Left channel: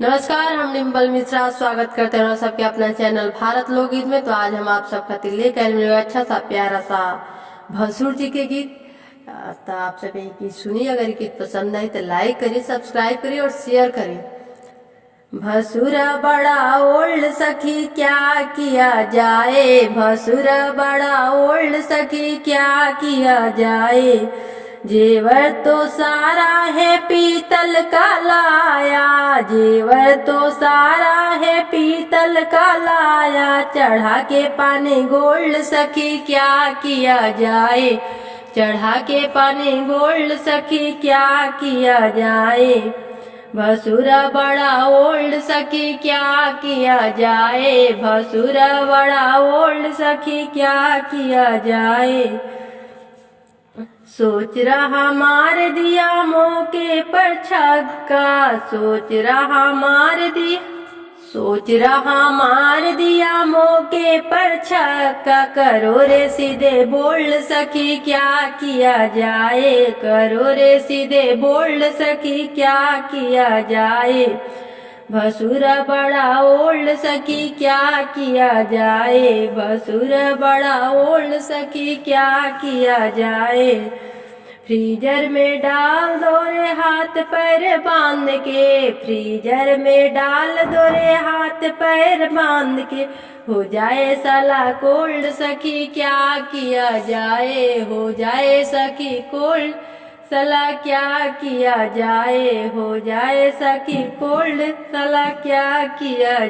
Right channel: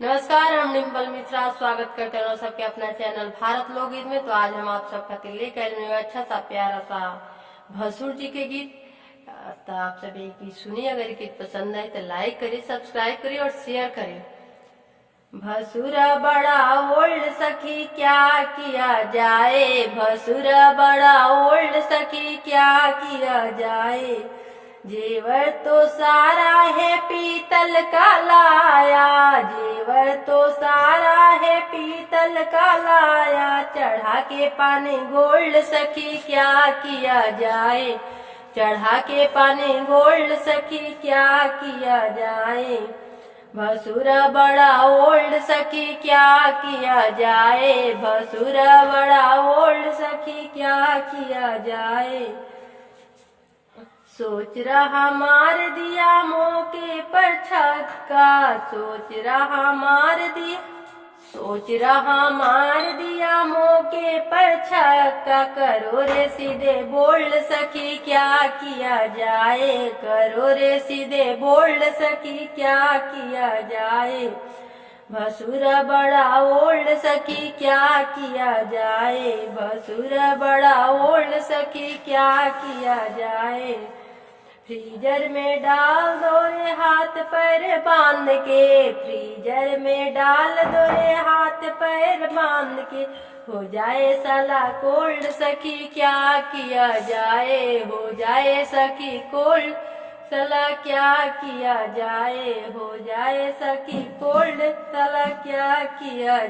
नमस्कार, हम डिम्पल मिश्रा स्वागत करते हैं सबके अपना चैनल भारत लोकगीत में। तो आज हम आप सब खातिर लेकर आए हैं अच्छा सा प्यारा सा भसुर जी के गीत। तो आप सब ये गीत सुनिए। अगर ये गीत पसंद आए तो लाइक करिए, सब्सक्राइब करिए और शेयर करिए। भसुरा बड़ा ओल्ड सखी क्या किया जाए, भसुरा बड़ा ओल्ड सखी क्या किया जाए। जेवर तो सारा है पीतल का लाया, जेवर तो सारा है पीतल का लाया। चढ़ा के पानी गोल्ड सखी क्या किया जाए, चढ़ा के पानी गोल्ड सखी क्या किया जाए। भसुरा बड़ा ओल्ड सखी क्या किया जाए, भसुरा बड़ा ओल्ड सखी क्या किया जाए। सोच रहा मार दिया मौके पर छक्का, सोच रहा मार दिया, सोच रहा मार दिया मौके पर छक्का। करो रे सीधे बोल्ड सखी क्या किया जाए, करो रे सीधे बोल्ड सखी क्या किया जाए। भसुरा बड़ा ओल्ड सखी क्या किया जाए, भसुरा बड़ा ओल्ड सखी क्या किया जाए। फ्रीजर में डाल दो रे हाथ पैर बांध के, फ्रीजर में डाल दो रे हाथ पैर बांध के। हो जाए साला कोल्ड सखी क्या किया जाए, हो जाए सखी कोल्ड सला क्या किया जाए, हो जाए सखी कोल्ड सला क्या किया